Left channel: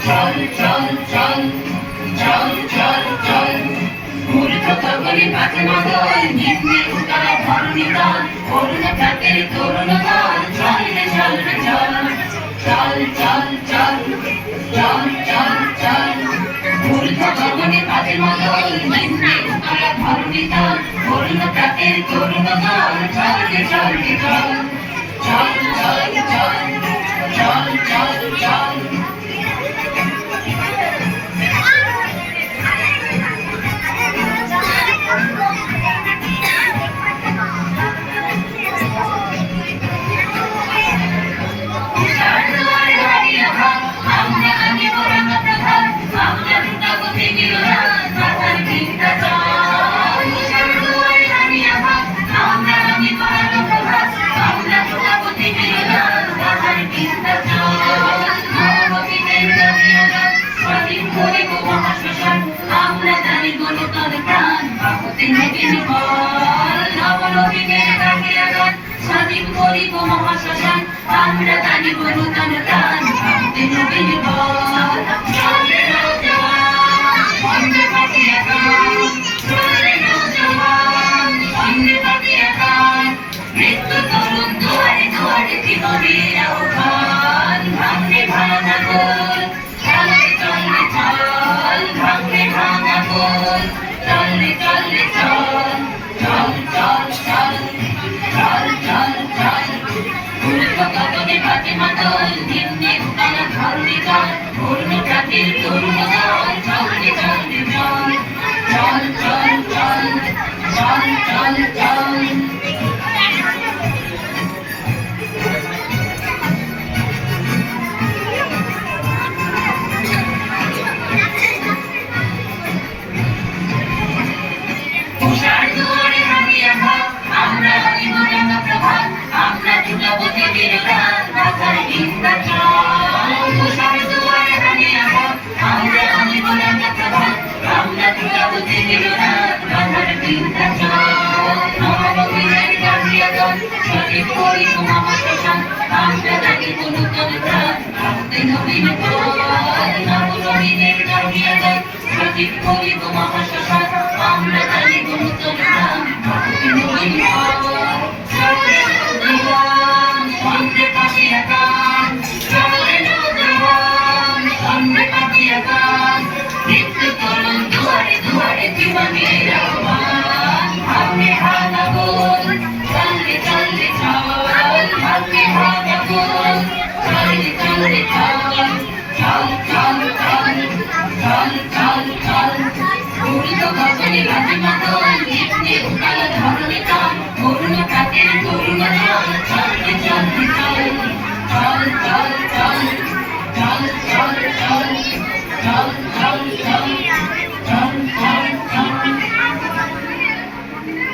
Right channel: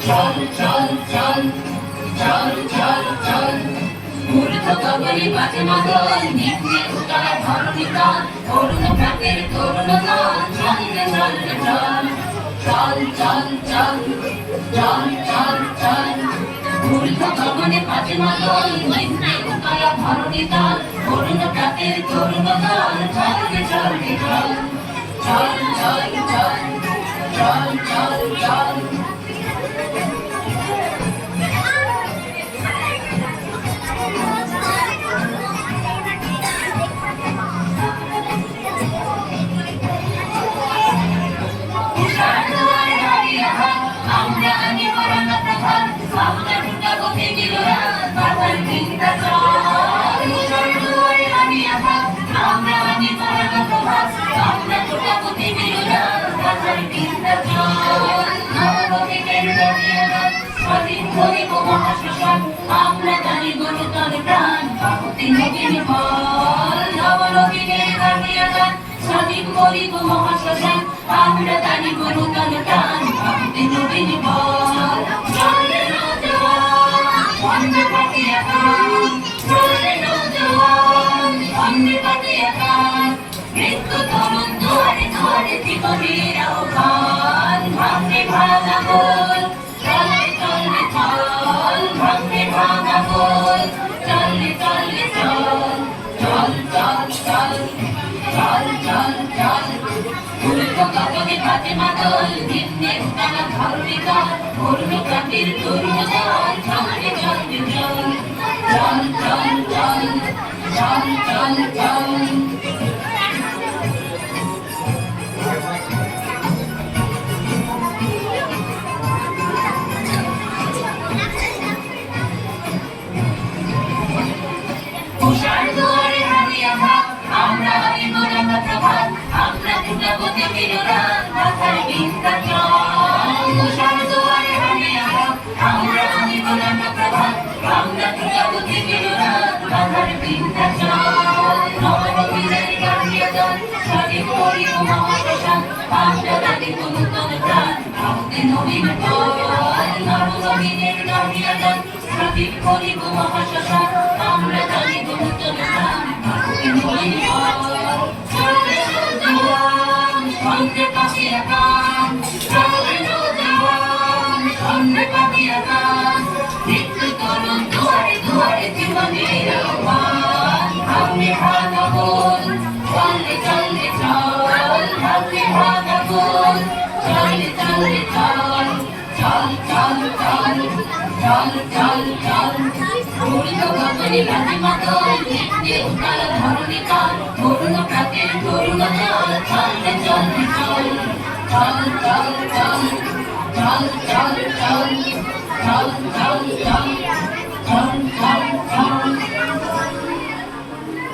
চল চল চল চল চল চল মূর্খ গগনে বাজে মাদল নিম্নে উতলা ধরণী তল অরুণ প্রাতের তরুণ দল চল রে চল রে চল চল চল চল চল চল চল মূর্খ গগনে বাজে মাদল নিম্নে উতলা ধরণী তল অরুণ প্রাতের তরুণ দল চল রে চল রে চল চল চল চল চল চল চল আমরা আগে বরং প্রধান আমরা দুটা গতি বিরোধ মাথার চিন্তা চল দুয়ারে আমি আভাস আমরা আগে বরং প্রধান আমরা দুটা গতি বিরোধ মাথার চিন্তা চল নবগতিদের জাতীয়তার স্বাধীন করিব মহাশ্মশান আমরা জানি গণতন্ত্র প্রাণ বাহুতে নবীন বল নবনবীনের জাতীয়তার স্বাধীন করিব মহাশ্মশান আমরা জানি গণতন্ত্র প্রাণ বাহুতে নবীন বল চলে নৌজওয়ান বন্দে পাতিয়া গান চলে নৌজওয়ান বন্দে পাতিয়া গান মৃত্যু তরুণ দুয়ারে দুয়ারে জীবনের আহ্বান ভাঙে ভাঙা গোল চলে চলে চল ভাঙে ভাঙা গোল চলে চলে চল চল চল চল চল চল চল মূর্খ গগনে বাজে মাদল নিম্নে উতলা ধরণী তল অরুণ প্রাতের তরুণ দল চল রে চল রে চল চল চল চল চল চল চল উষার দুয়ারে হারিয়া ভাব আমরা আনিব রাঙা প্রভাত আমরা দুটাপতি বিরোধান মাথার চিন্তা চল উষার দুয়ারে হারিয়া ভাব আমরা আনিব রাঙা প্রভাত আমরা দুটাপতি বিরোধান মাথার চিন্তা চল নবগতিদের জাতীয়তার স্বাধীন করিব মহাশ্মশান আমরা জানি নূতন প্রাণ বাহুতে নবীন বল নবনবীনের জাতীয়তার স্বাধীন করিব মহাশ্মশান আমরা জানি নূতন প্রাণ বাহুতে নবীন বল চলে নৌজওয়ান বন্দে পাতিয়া গান চলে নৌজওয়ান বন্দে পাতিয়া গান মৃত্যু তরুণ দুয়ারে দুয়ারে জীবনের আহ্বান ভাঙে ভাঙা গোল চলে চলে চল ভাঙে ভাঙা গোল চলে চলে চল চল চল চল চল চল চল মূর্খ গগনে বাজে মাদল নিম্নে উতলা ধরণী তল অরুণ প্রাতের তরুণ দল চল রে চল রে চল চল চল চল চল চল চল চল চল চল চল চল চল